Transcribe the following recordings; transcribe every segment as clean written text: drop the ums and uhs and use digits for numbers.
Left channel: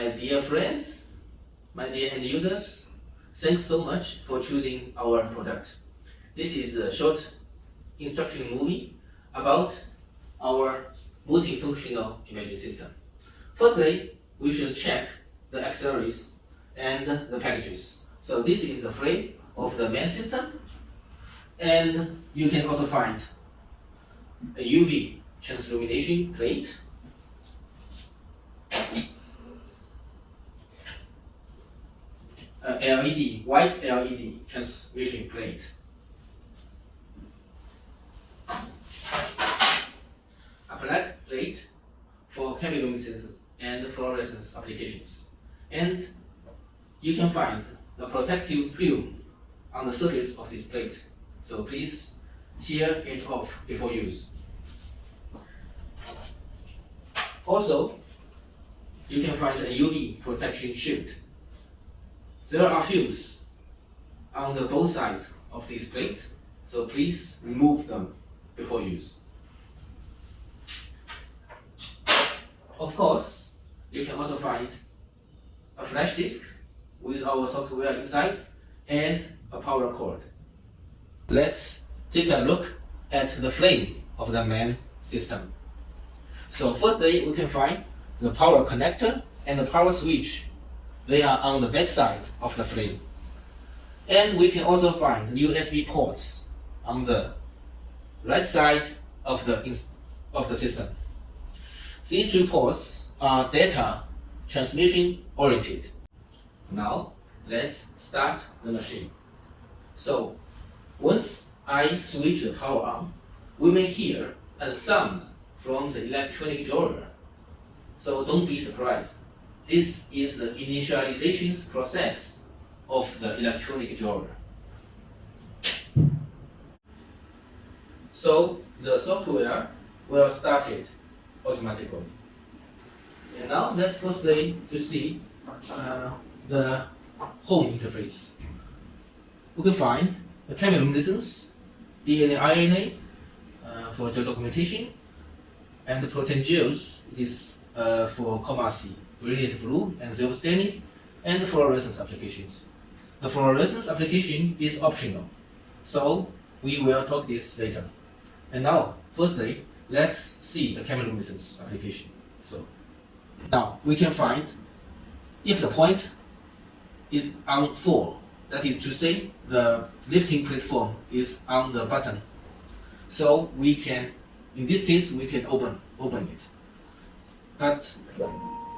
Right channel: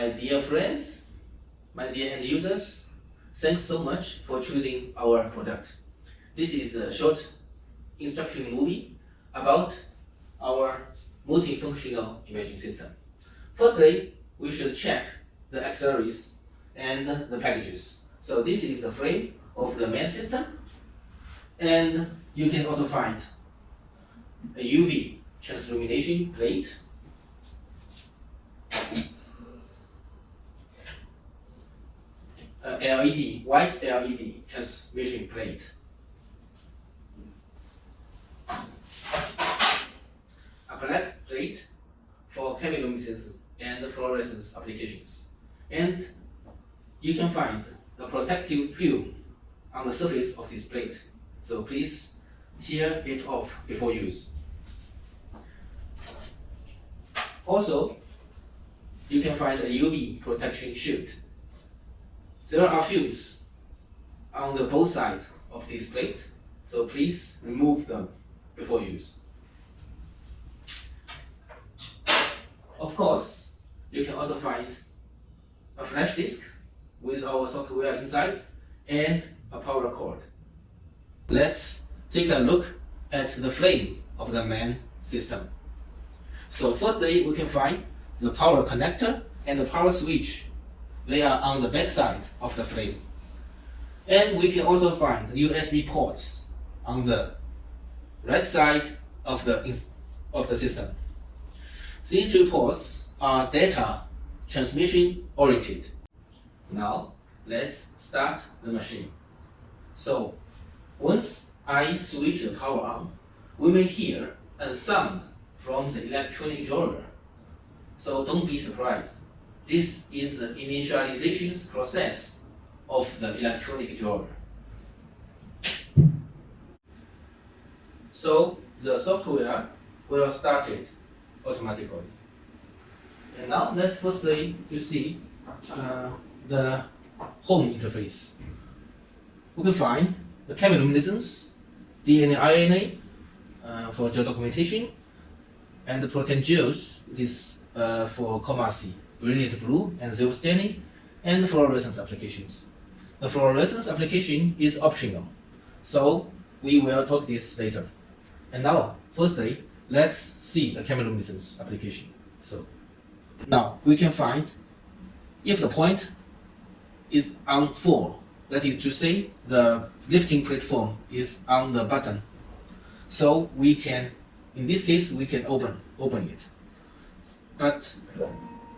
My dear friends, my dear end users, thanks so much for choosing our product. This is a short instruction movie about our multifunctional imaging system. Firstly, we should check the accessories and the packages. So this is the frame of the main system, and you can also find a UV transillumination plate, a LED, white LED transmission plate, a black plate for chemiluminescence and fluorescence applications, and you can find a protective film on the surface of this plate, so please tear it off before use. Also, you can find a UV protection shield. There are films on the both sides of this plate, so please remove them before use. Of course, you can also find a flash disk with our software inside and a power cord. Let's take a look at the frame of the main system. So firstly, we can find the power connector and the power switch. They are on the back side of the frame. And we can also find USB ports on the right side of the system. These three ports are data transmission oriented. Now, let's start the machine. So, once I switch the power on, we may hear a sound from the electronic drawer. So don't be surprised. This is the initialization process of the electronic drawer. So the software will start it automatically. And now let's firstly to see the home interface. We can find the chemiluminescence, DNA, RNA for gel documentation, and the protein gels. This for coma C, brilliant blue and zero staining, and fluorescence applications. The fluorescence application is optional, so we will talk this later. And now, firstly, let's see the chemiluminescence application. So now we can find if the point is on 4, that is to say the lifting platform is on the button. So we can, in this case, we can open it. But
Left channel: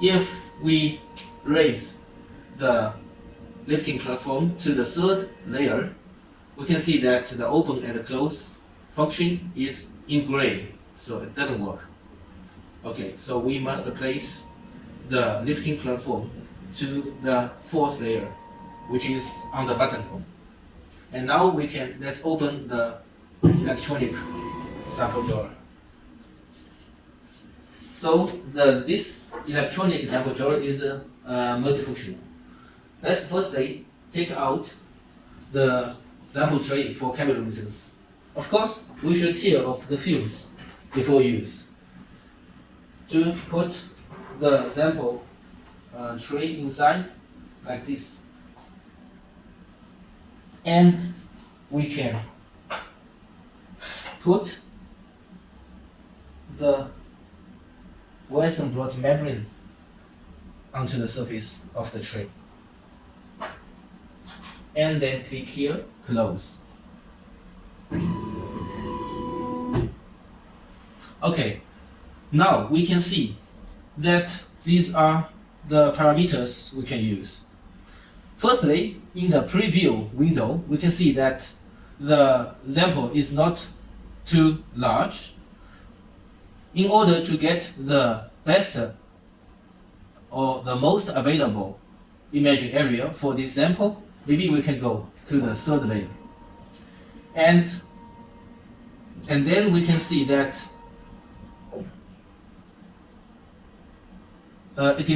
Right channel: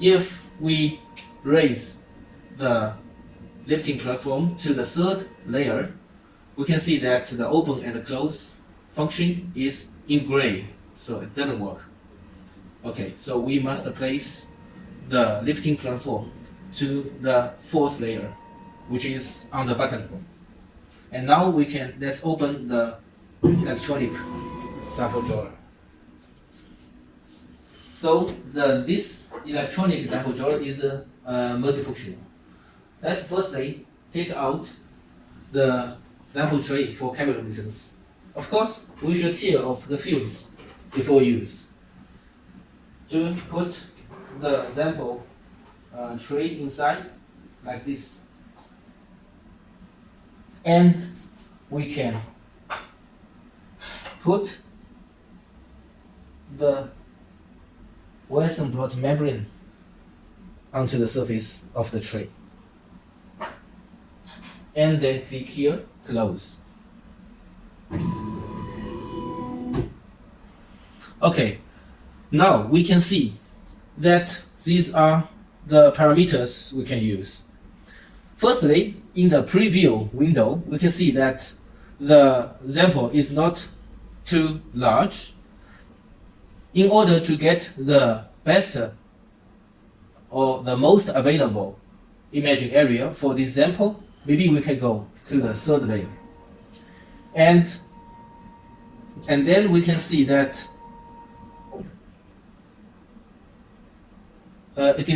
if we raise the lifting platform to the third layer, we can see that the open and close function is in gray, so it doesn't work. Okay, so we must place the lifting platform to the fourth layer, which is on the button. And now let's open the electronic sample drawer. So this electronic sample drawer is multifunctional. Let's firstly take out the sample tray for chemiluminescence. Of course, we should tear off the films before use. To put the sample tray inside like this, and we can put the Western blot membrane onto the surface of the tray, and then click here, close. Okay, now we can see that these are the parameters we can use. Firstly, in the preview window, we can see that the sample is not too large. In order to get the best or the most available imaging area for this sample, maybe we can go to the third layer. And then we can see that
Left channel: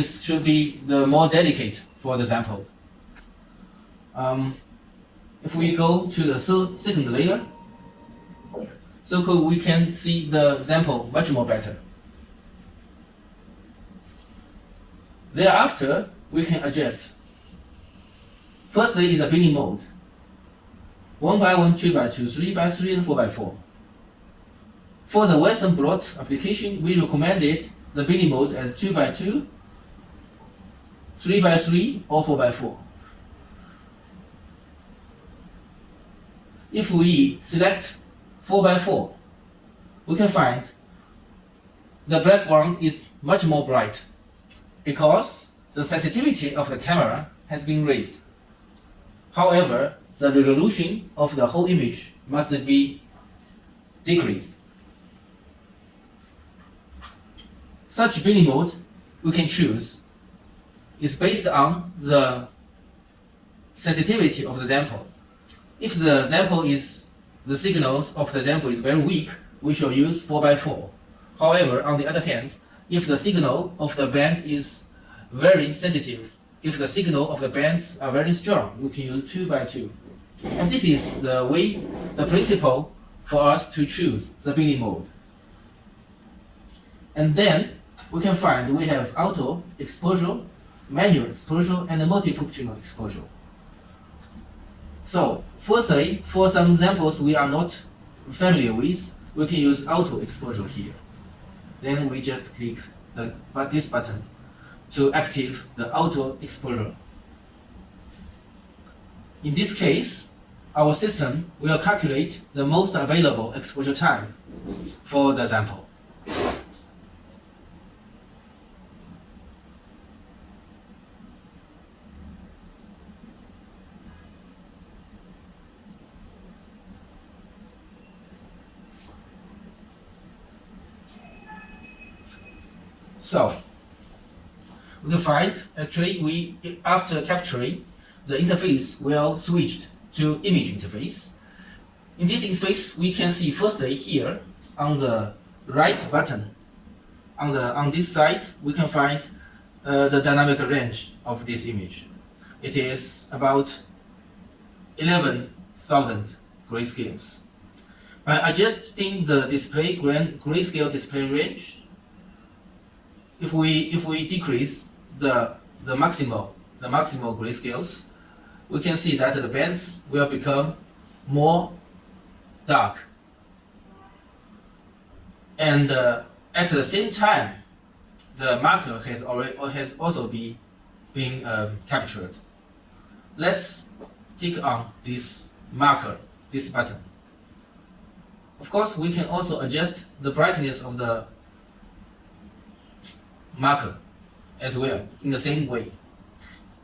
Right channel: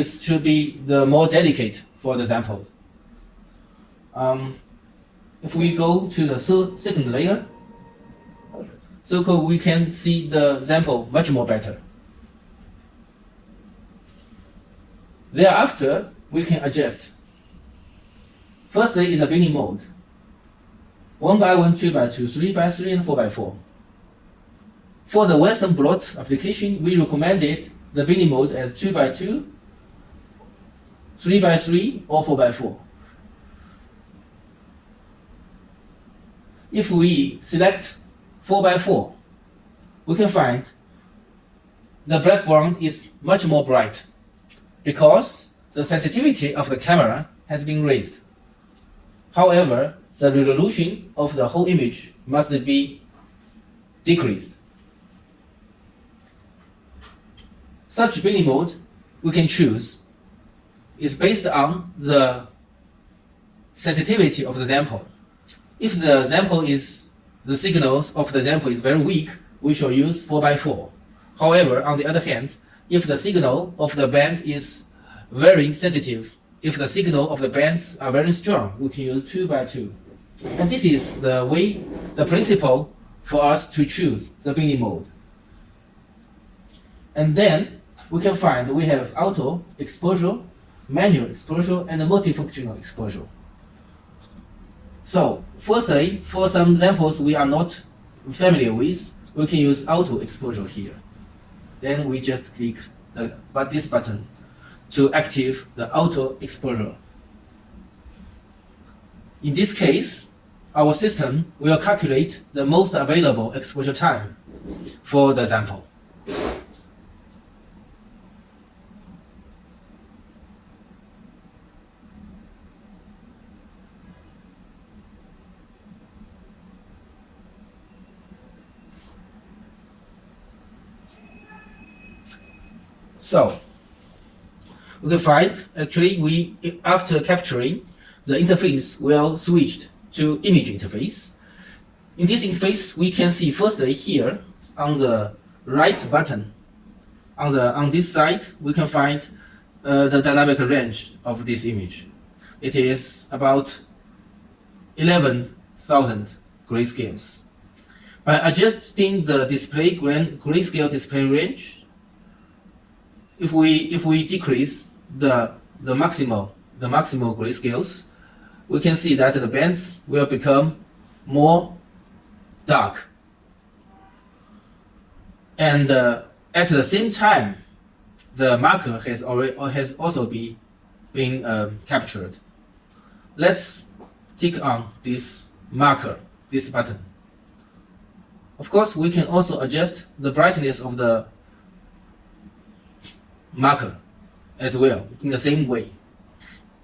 should be the more delicate for the samples. If we go to the second layer, so we can see the sample much more better. Thereafter, we can adjust. Firstly is the binning mode. 1x1, 2x2, 3x3, and 4x4. For the Western blot application, we recommended the binning mode as 2x2, 3x3, or 4x4. If we select 4x4, we can find the background is much more bright because the sensitivity of the camera has been raised. However, the resolution of the whole image must be decreased. Such binning mode we can choose is based on the sensitivity of the sample. If the signals of the sample is very weak, we shall use 4x4. However, on the other hand, if the signal of the band is very sensitive, if the signal of the bands are very strong, we can use 2x2. And this is the principle for us to choose the binning mode. And then we can find we have auto exposure, manual exposure, and multifunctional exposure. So, firstly, for some examples we are not familiar with, we can use auto exposure here. Then we just click this button to activate the auto exposure. In this case, our system will calculate the most available exposure time for the sample. So, we can find actually after capturing, the interface will switch to image interface. In this interface, we can see firstly here on the right button, on this side, we can find the dynamic range of this image. It is about 11,000 grayscales. By adjusting the grayscale display range, if we decrease the maximal grayscales, we can see that the bands will become more dark. And at the same time, the marker has also been captured. Let's click on this marker, this button. Of course, we can also adjust the brightness of the marker as well in the same way.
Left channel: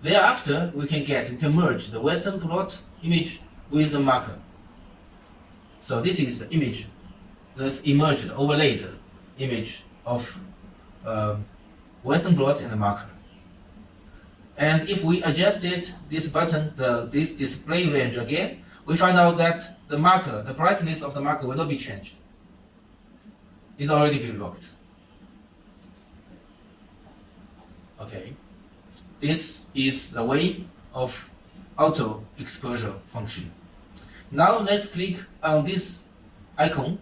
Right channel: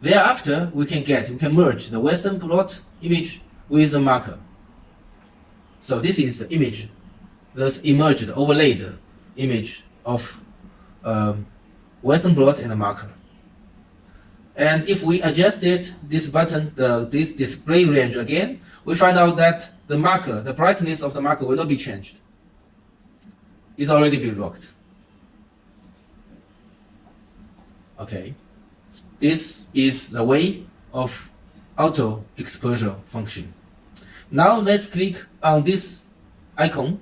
Thereafter, we can merge the Western blot image with the marker. So this is the image that's emerged, overlaid image of Western blot and the marker. And if we adjusted this button, this display range again, we find out that the brightness of the marker will not be changed. It's already been locked. Okay, this is the way of auto exposure function. Now let's click on this icon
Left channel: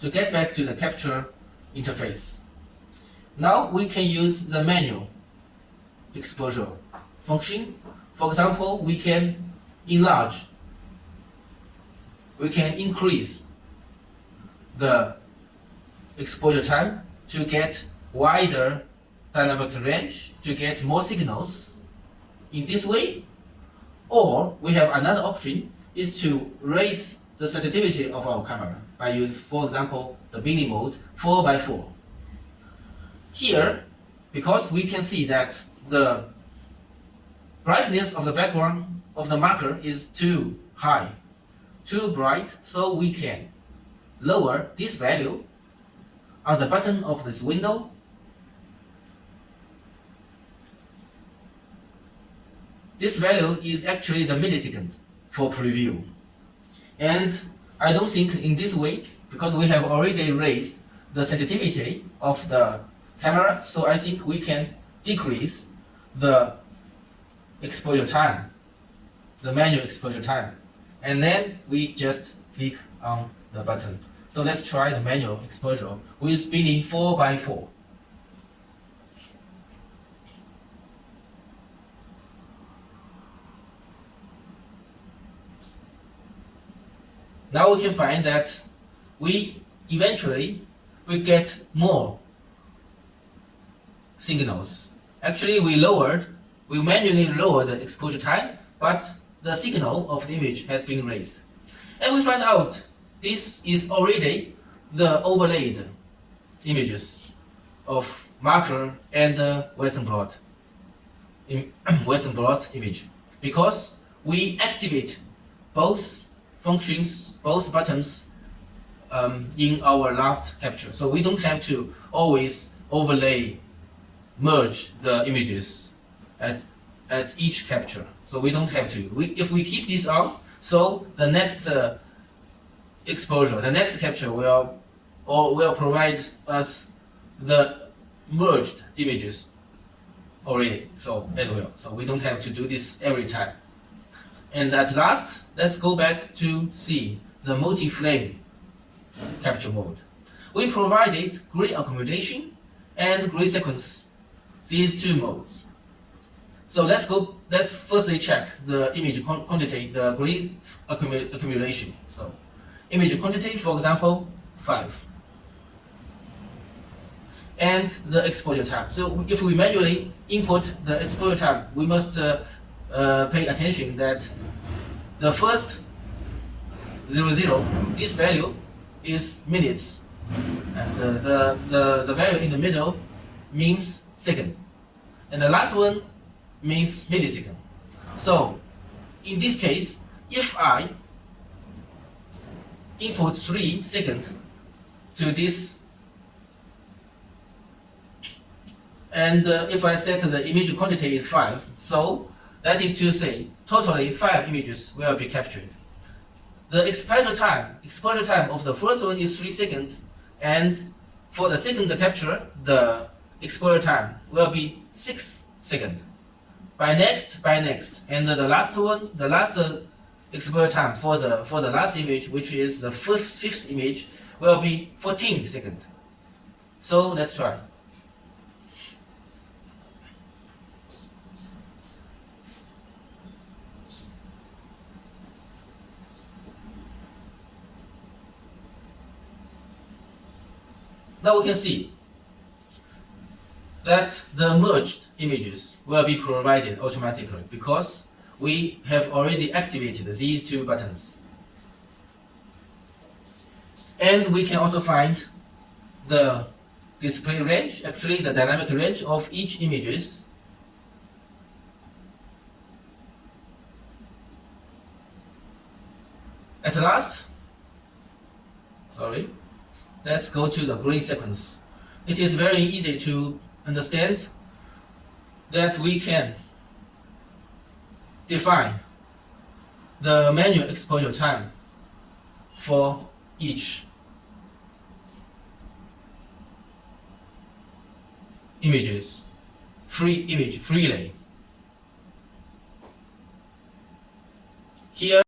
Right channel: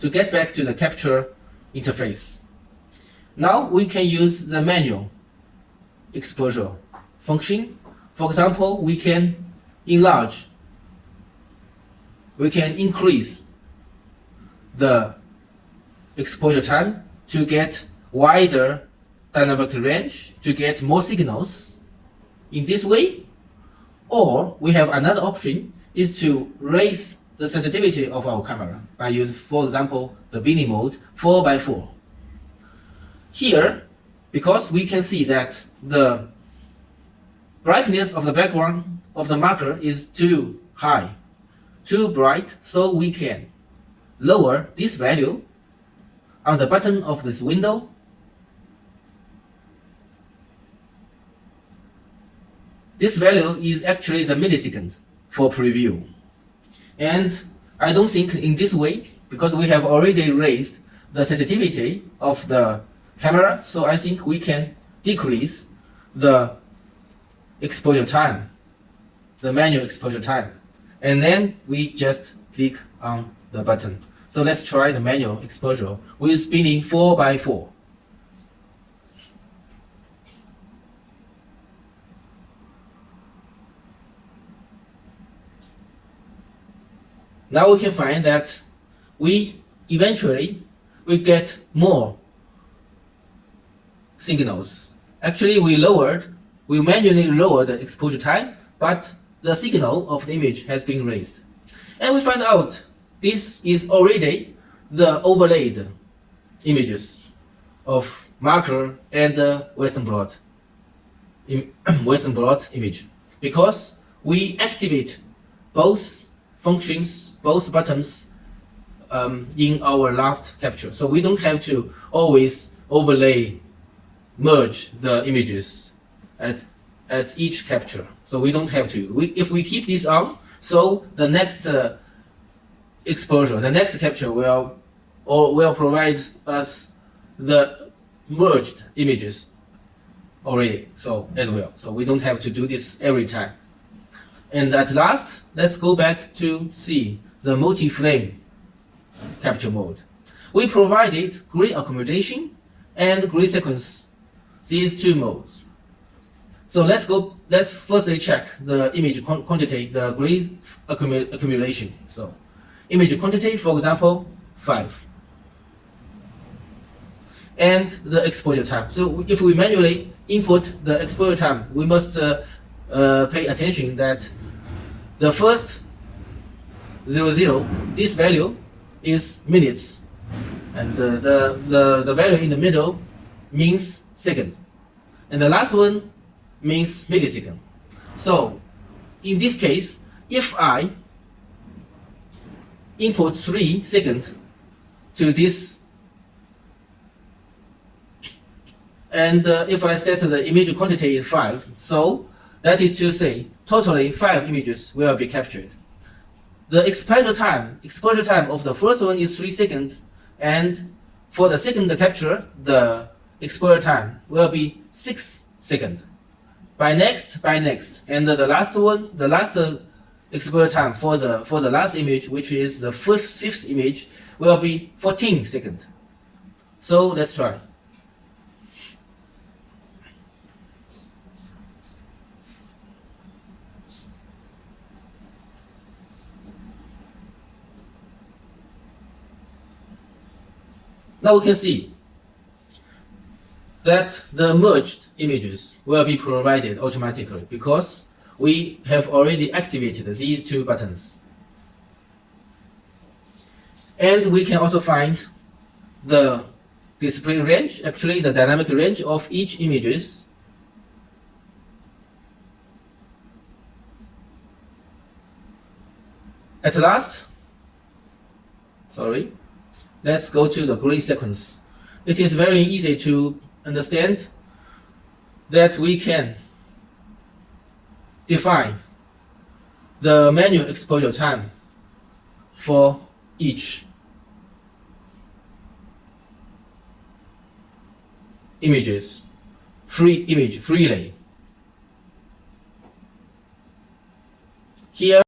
to get back to the capture interface. Now we can use the manual exposure function. For example, we can increase the exposure time to get wider dynamic range, to get more signals in this way. Or we have another option is to raise the sensitivity of our camera by using, for example, the binning mode 4x4. Here, because we can see that the brightness of the background of the marker is too high, too bright, so we can lower this value on the button of this window. This value is actually the millisecond for preview. And I don't think in this way, because we have already raised the sensitivity of the camera, so I think we can decrease the exposure time, the manual exposure time. And then we just click on the button. So let's try the manual exposure with spinning 4x4. now we can find that we get more signals. Actually, we manually lowered the exposure time, but the signal of the image has been raised. And we find out this is already the overlaid images of marker and the Western blot image, because we activate both functions, both buttons in our last capture. So we don't have to always merge the images at each capture. So we don't have to. If we keep this on, so the next exposure, the next capture will provide us the merged images already, so as well. So we don't have to do this every time. And at last, let's go back to see the multi-flame capture mode. We provided gray accumulation and gray sequence, these two modes. So let's firstly check the image quantity, the gray accumulation. So image quantity, for example, 5. And the exposure time. So if we manually input the exposure time, we must pay attention that the first 00, this value is minutes, and the value in the middle means second, and the last one means millisecond. So in this case, if I input 3 seconds to this, and if I set the image quantity is 5, so that is to say, totally 5 images will be captured. The exposure time of the first one is 3 seconds, and for the second capture, the exposure time will be 6 seconds. By next, and the last exposure time for the last image, which is the fifth image, will be 14 seconds. So let's try. Now we can see that the merged images will be provided automatically because we have already activated these two buttons. And we can also find the display range, actually the dynamic range of each images. At last, let's go to the gray sequence. It is very easy to understand that we can define the manual exposure time for each image freely. Here